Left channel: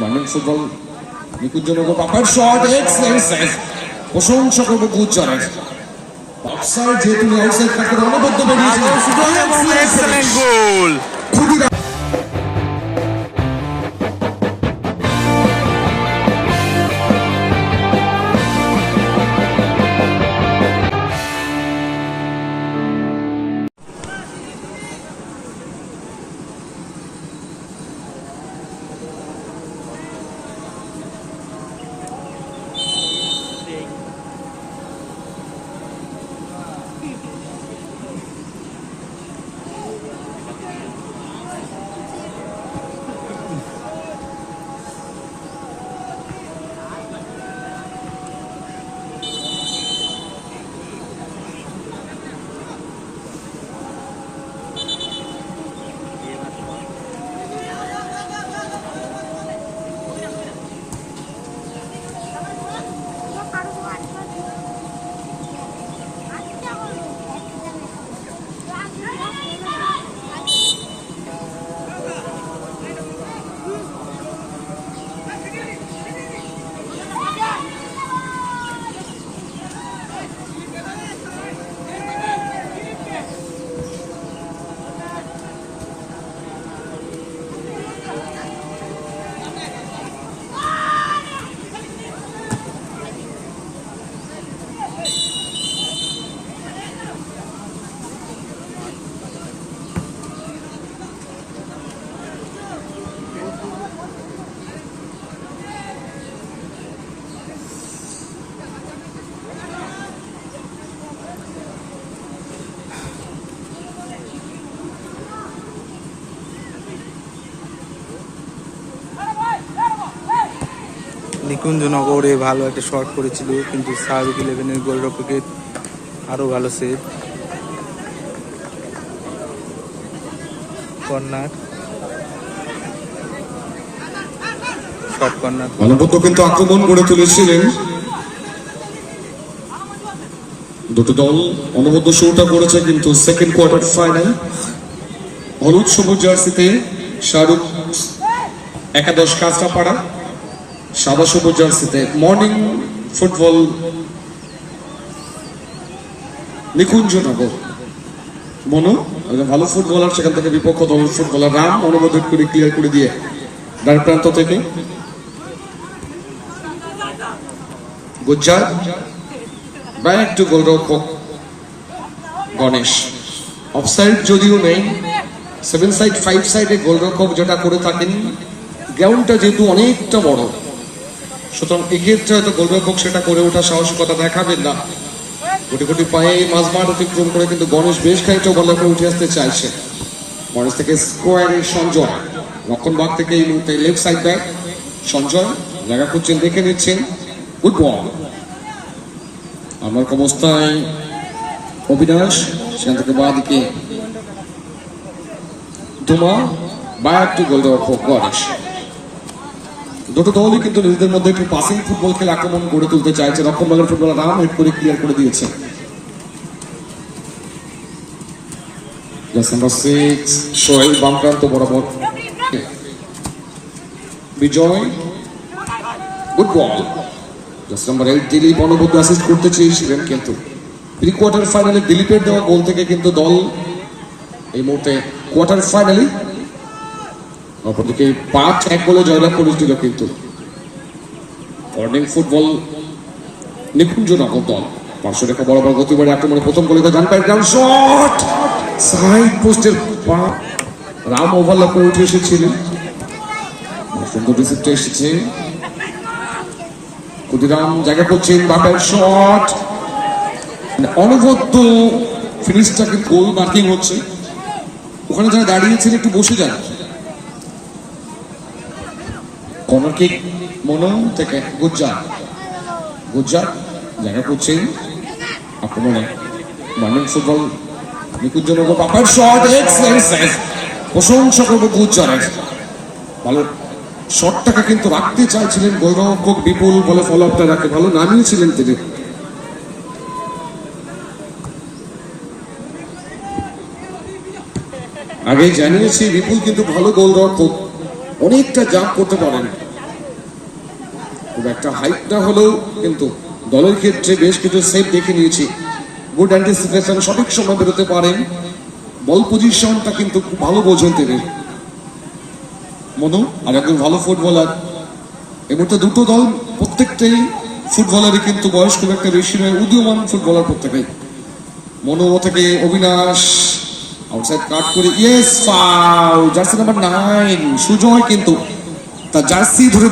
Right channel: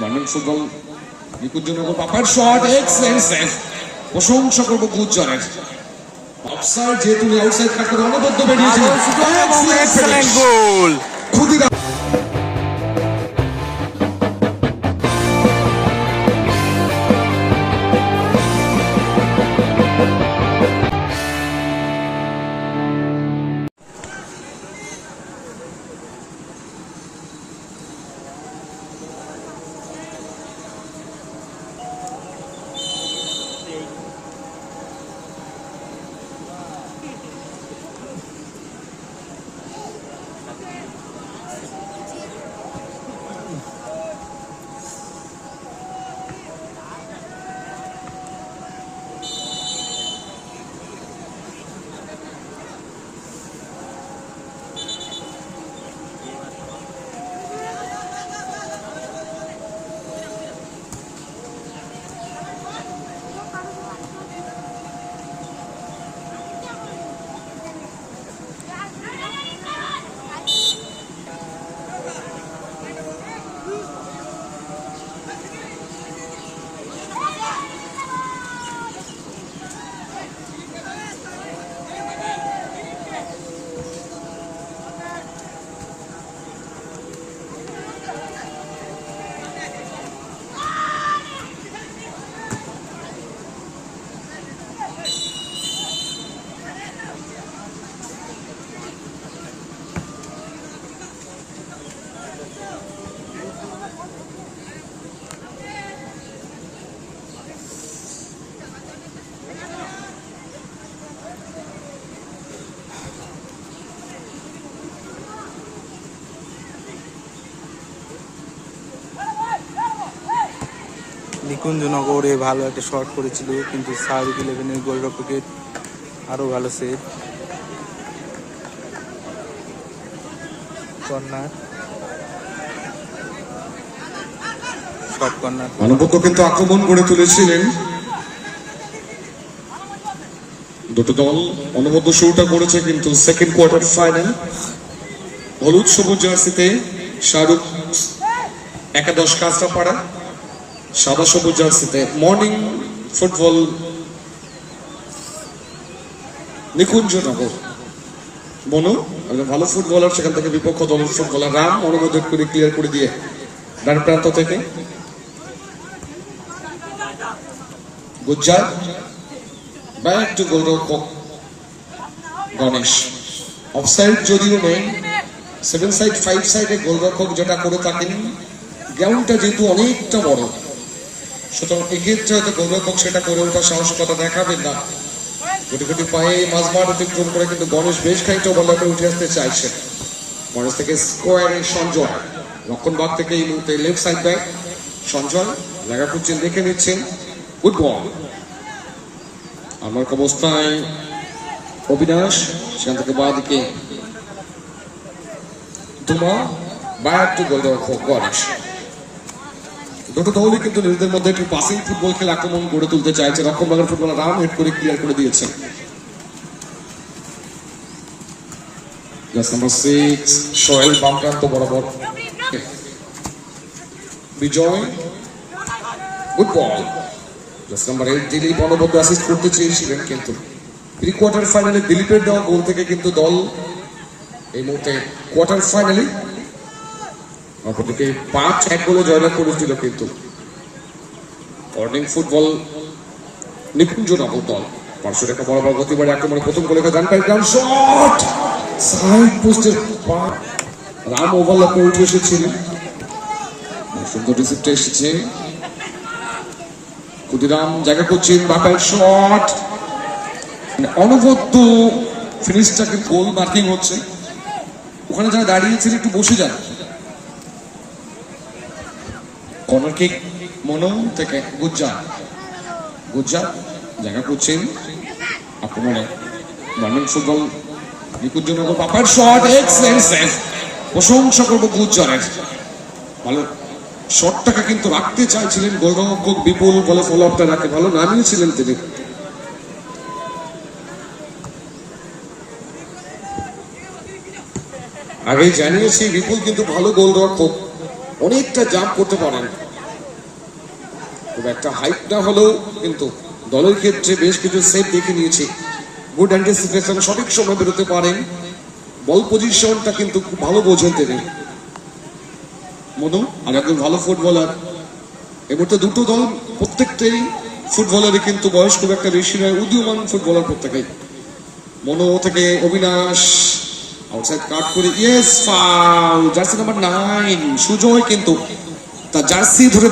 Football Nikunjanagar পাপার shot excellent save প্রশংসা করব গুজরাট। অফসাইড যেহেতু আউটসাইড কাট করে অনবদ্য সুযোগ এবং এক্সেলেন্ট গোল নিকুঞ্জনগরে ভালো একটা শট করেছিল, কিন্তু শাহরুখ ইলেভেনের গোলরক্ষকের আরও ভালো সেভ কর্নার। Short corner. অনবদ্য কিন্তু আক্রমণ করে তুলেছিলেন। দুটো দল অনবদ্য শুরুটা করেছে কিন্তু সেকেন্ড কোয়ার্টার ফাইনাল হলুদ, সবুজ জার্সিতে শাহরুখ একাদশ কাঁচরাপাড়া সাদা সবুজ জার্সিতে মর্নিং ফুটবল নিকুঞ্জনগর মনু, একজন ভালো ফুটবলার, সেখান থেকে বিপক্ষ দলের ফুটবলার রাম অনুমোদন করে ক্লিয়ার করে দিয়ে ডান প্রান্ত থেকে। গুজ্জার ব্যাক টু গোলরক্ষক গণেশ। অফসাইড যদিও নেই সেভেন সাইড ফাইভ সাইডে গোলরক্ষক যেটা করে থাকেন গ্রাউন্ডটা যেহেতু অনেকটা বড়। সুতরাং এক্ষেত্রে হয়তো গোলরক্ষক সেটা করে ওঠা সাহসিকতা দেখাবেন না। কোটি কোটি পায়ে মাঝমাঠ অতিক্রম করে কিন্তু গণেশ বেশ খানিকটা বলাকে উঠে আসতে চাইছে। গণেশ থেকে স্কোয়ারে সঞ্জয় রক্ষণভাগ থেকে এই মুহূর্তে লেফট সাইড ব্যাক সঞ্জয় জায়গা খুঁজছেন দেখে নিচ্ছেন। গুড বল আমার অবস্থায় অবিনাশ, সেখান থেকে বাঁ দিকে ধুমা বা একটু গোলরক্ষক গণেশ। দুটো দলই কিন্তু নিজেদের মধ্যে একটু পাসিং ফুটবল খেলে আক্রমণ গড়ে তুলতে চাইছে রক্ষণভাগের ফুটবল রাম হেড করে ক্লিয়ার করে দিয়েছে বরাবর। বিজয় গুড জাস্ট কিন্তু। কোয়ার্টার দিলীপের দেওয়া গোল থেকে কিন্তু দল এই মুহূর্তে কোয়ার্টার ফাইনালে অপরদিকে পাঁচ এক গোলে জয়লাভ করেছিল কিন্তু। মর্নিং ফুটবল নিকুঞ্জনগর দল। পাঁচশো টাকা বরাবর গতিবাড়ি আক্রমণে প্রথম গোলে গান পাই গ্রাউন্ড শট সাইড পোস্টের পা রাম ওভারল্যাপ করে উঠে এসেছিলেন সুন্দর রিসিপ্টটা এসেছে। ক্ষুদিরাম জায়গা করছেন বাপার শট অনবদ্য ফিনিশটাকে গোল মার্কিং হচ্ছে। ওখানে যারা দাঁড়িয়েছেন একটু বসে যান। মনো থেকে গুজ্জার গুজ্জার জায়গা করছেন আক্রমণে মর্নিং ফুটবল নিকুঞ্জনগর বাপার শট এক্সেলেন্ট সেভ প্রশংসা করব গুজ্জারের ভালো শটটাকে কিন্তু রাখতে চাইছিলেন গোলরক্ষক বিপুল বলে ফলো আপটা রাখে। ভালো নামিয়েছিলেন তিনি। আগে জানিয়েছি, বিপুল কিন্তু ভালো গোলরক্ষক। অনেকটা জাম্প করতে পারেন। খুব একটা হাইট না হলেও কিন্তু দলের ক্ষেত্রে বেশ কিছু সেট দেখে নিয়েছি। গুড অ্যান্টিসিপেশন সঠিক সময় বেরোতে পারেন। বল পজিশনটা কিন্তু খুব ভালো বোঝেন তিনি। মনু, আর একজন ভালো ফুটবলার এ মুহূর্তে দুটো দল প্রত্যেকটাই ফুটবলারই কিন্তু বয়স খুব একটা বেশি নয়, উদীয়মান ফুটবলার প্রত্যেকেই। মনো থেকে অবিনাশ আউটসাইড কাট করে। Yes foul jersey number nine Sujay কিন্তু তা জার্সি ধরে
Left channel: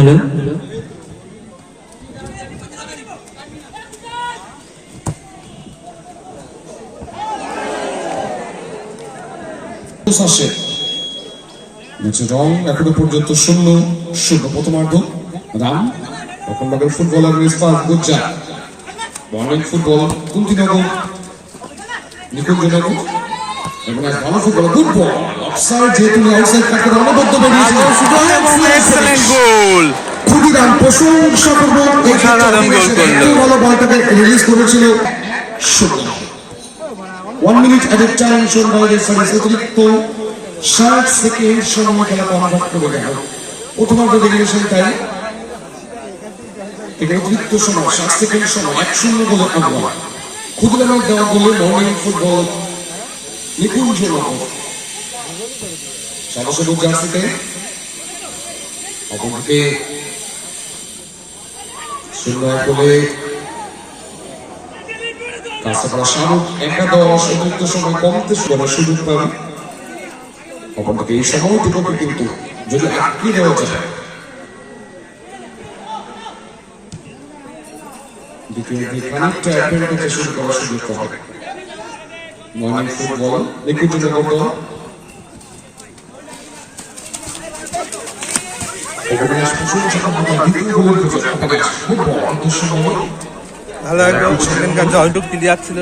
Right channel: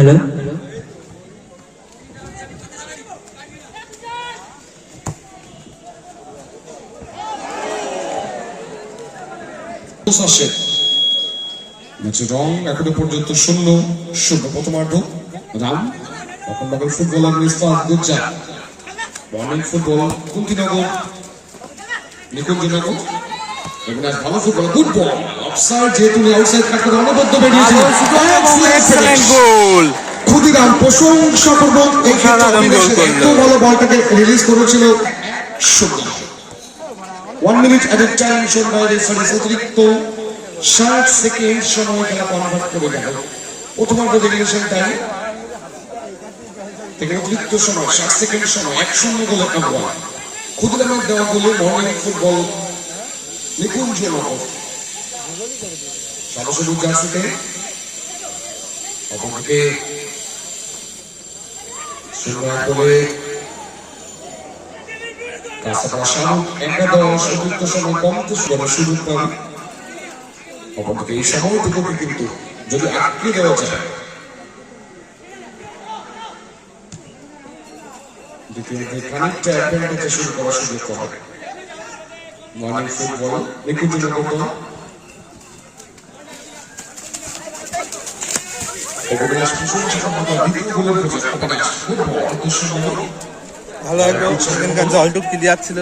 হ্যালো? রং এখনও পর্যন্ত শূন্য শূন্য প্রথমার্ধ। রাম তখন বাগের ফুটবলার মিসবাহ গুজ্জা বর্ণিক ফুটবল কুন্তিনগর নিকুঞ্জনগর এবং এক ভালো ফুটবল গুড বল। অফসাইড যেহেতু আউটসাইড কাট করে অনবদ্য এক্সেলেন্ট গোল ক্ষুদিরাম প্রশংসা করব। অসাধারণ গোল করল। ভালো বলটাকে রিলিজ করেছিল। শূন্য one minute at a time বাইরে সার্ভিস অতিরিক্ত ষাট সেকেন্ড সময় খেলা কনভার্ট করে গেল। প্রথমার্ধ রেগুলেশন টাইম থেকে অতিরিক্ত সময় ষাট সেকেন্ড সময় এক শূন্য গোলে ক্ষুদিরামের দেওয়া গোলে মর্নিং ফুটবল নিকুঞ্জ নগর সাদা সবুজ জার্সিতে অপরদিকে সুন্দর করে কাছাকাছি শাহরুখ একাদশ অতিরিক্ত সময় কমতে শুরু করার সুযোগ পাবে অপরদিকে এই সময়টুকুকে কিন্তু যদি আটকে দেওয়া যায় দ্বিতীয় দিকে খানিকটা অ্যাডভান্টেজে শুরু করার সুযোগ পাবে মর্নিং ফুটবল নিকুঞ্জ নগর অবিনাশ প্রশংসা করতে দ্বিতীয় গোলের খোঁজে অবিনাশ ফুটবল অল্প সময় ভালো একদম সেখানকার জয়টুক ক্লিয়ার ছিল।